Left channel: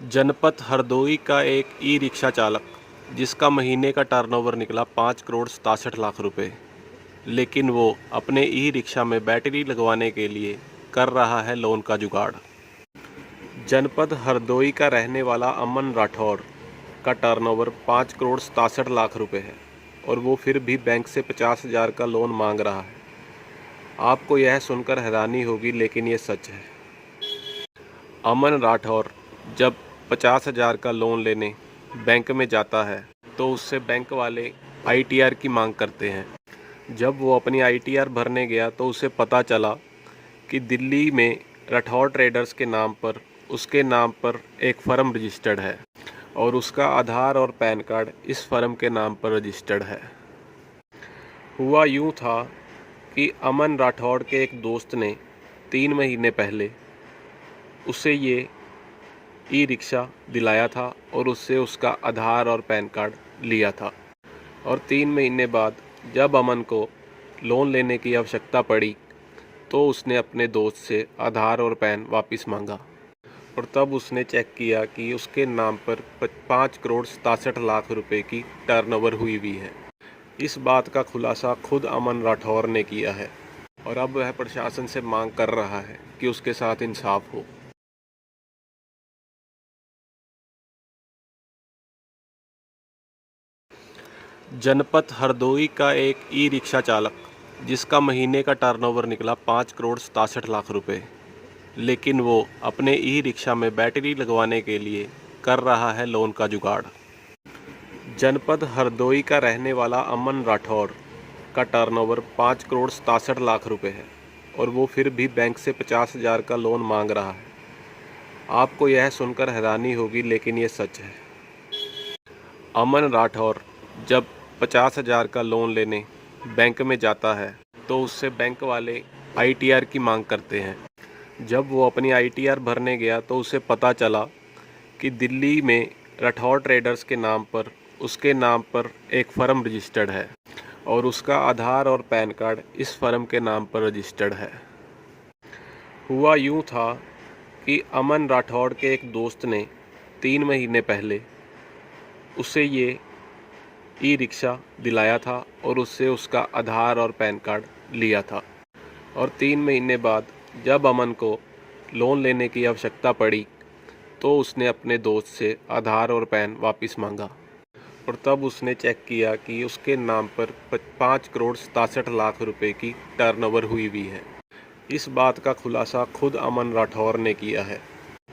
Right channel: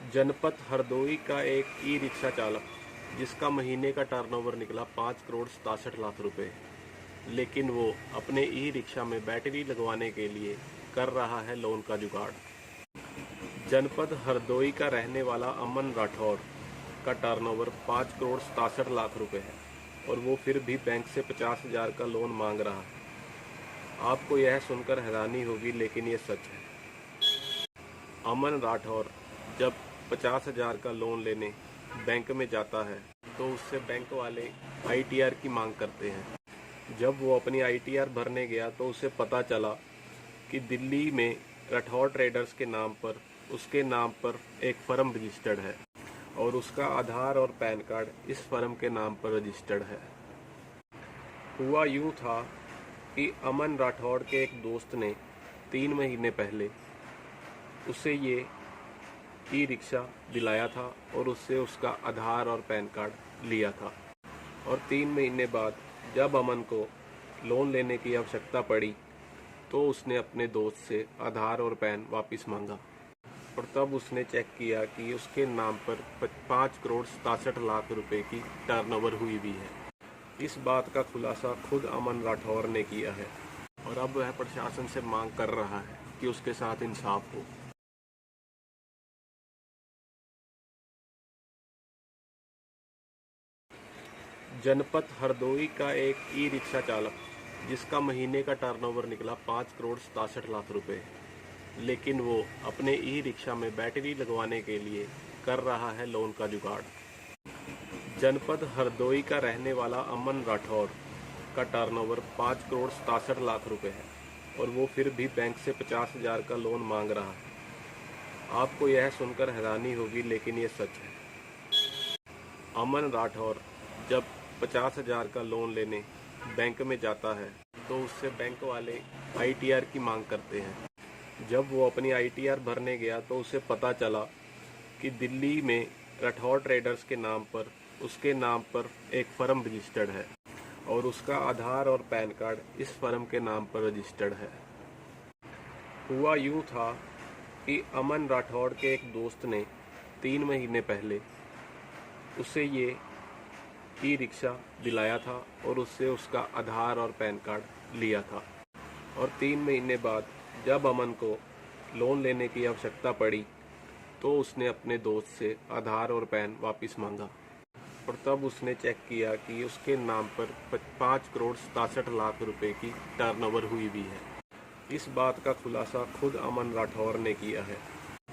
जनपद हरदोई का एक ई-रिक्शा चालक, जिसका महीने का टर्नओवर निकला 5,67,00,000 रुपए, लेकिन वो अपने ई-रिक्शा में बैटरी लगवाने के लिए कर रहा है लोन का जुगाड़। जनपद हरदोई का रहने वाला अमन राठौर का टर्नओवर 5,67,00,000 रुपए है और वो फिर भी बैंक से 50,000 का लोन मांग रहा है। आपको यह सुनकर हैरानी होगी, लेकिन ये सच है। अमन राठौर जब 50,000 का लोन लेने बैंक में जाता है तो उससे बैंक वाले आईटीआर की मांग करते हैं। जब वो अपनी आईटीआर भरने गया तो उसे पता चला कि दिल्ली में राठौर ट्रेडर्स के नाम पर उसके नाम पर एक फ़र्म रजिस्टर्ड है और उसका आधार और पैन कार्ड इस फ़र्म के नाम पर रजिस्टर्ड है। हुआ यूँ था कि अमन राठौर के एक दोस्त ने 3 महीने पहले उसे ये ई-रिक्शा दिलाया था और उससे उसका आधार और पैन कार्ड लिया था। और 3 महीने बाद जब अमन को लोन लेने की आवश्यकता पड़ी तो उसने अपने दोस्त से आधार और पैन वापस मांगा और तब उसने चेक किया कि उसके नाम पर 5,67,00,000 रुपए की टर्नओवर हुई है। इस बात का खुलासा खुद अमन राठौर ने किया है और अब वह प्रशासन से मांग कर रहा है कि उसके साथ इंसाफ हो। जनपद हरदोई का एक ई-रिक्शा चालक, जिसका महीने का टर्नओवर निकला 5,67,00,000 रुपए, लेकिन वो अपने ई-रिक्शा में बैटरी लगवाने के लिए कर रहा है लोन का जुगाड़। जनपद हरदोई का रहने वाला अमन राठौर का टर्नओवर 5,67,00,000 रुपए है और वो फिर भी बैंक से 50,000 का लोन मांग रहा है। आपको यह सुनकर हैरानी होगी, लेकिन ये सच है। अमन राठौर जब 50,000 का लोन लेने बैंक में जाता है तो उससे बैंक वाले आईटीआर की मांग करते हैं। जब वो अपनी आईटीआर भरने गया तो उसे पता चला कि दिल्ली में राठौर ट्रेडर्स के नाम पर उसके नाम पर एक फ़र्म रजिस्टर्ड है और उसका आधार और पैन कार्ड इस फ़र्म के नाम पर रजिस्टर्ड है। हुआ यूँ था कि अमन राठौर के एक दोस्त ने 3 महीने पहले उसे ये ई-रिक्शा दिलाया था और उससे उसका आधार और पैन कार्ड लिया था। और 3 महीने बाद जब अमन को लोन लेने की आवश्यकता पड़ी तो उसने अपने दोस्त से आधार और पैन वापस मांगा और तब उसने चेक किया कि उसके नाम पर 5,67,00,000 रुपए की टर्नओवर हुई है। इस बात का खुलासा खुद अमन राठौर ने किया है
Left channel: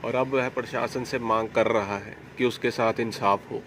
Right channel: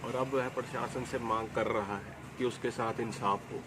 और अब वह प्रशासन से मांग कर रहा है कि उसके साथ इंसाफ हो।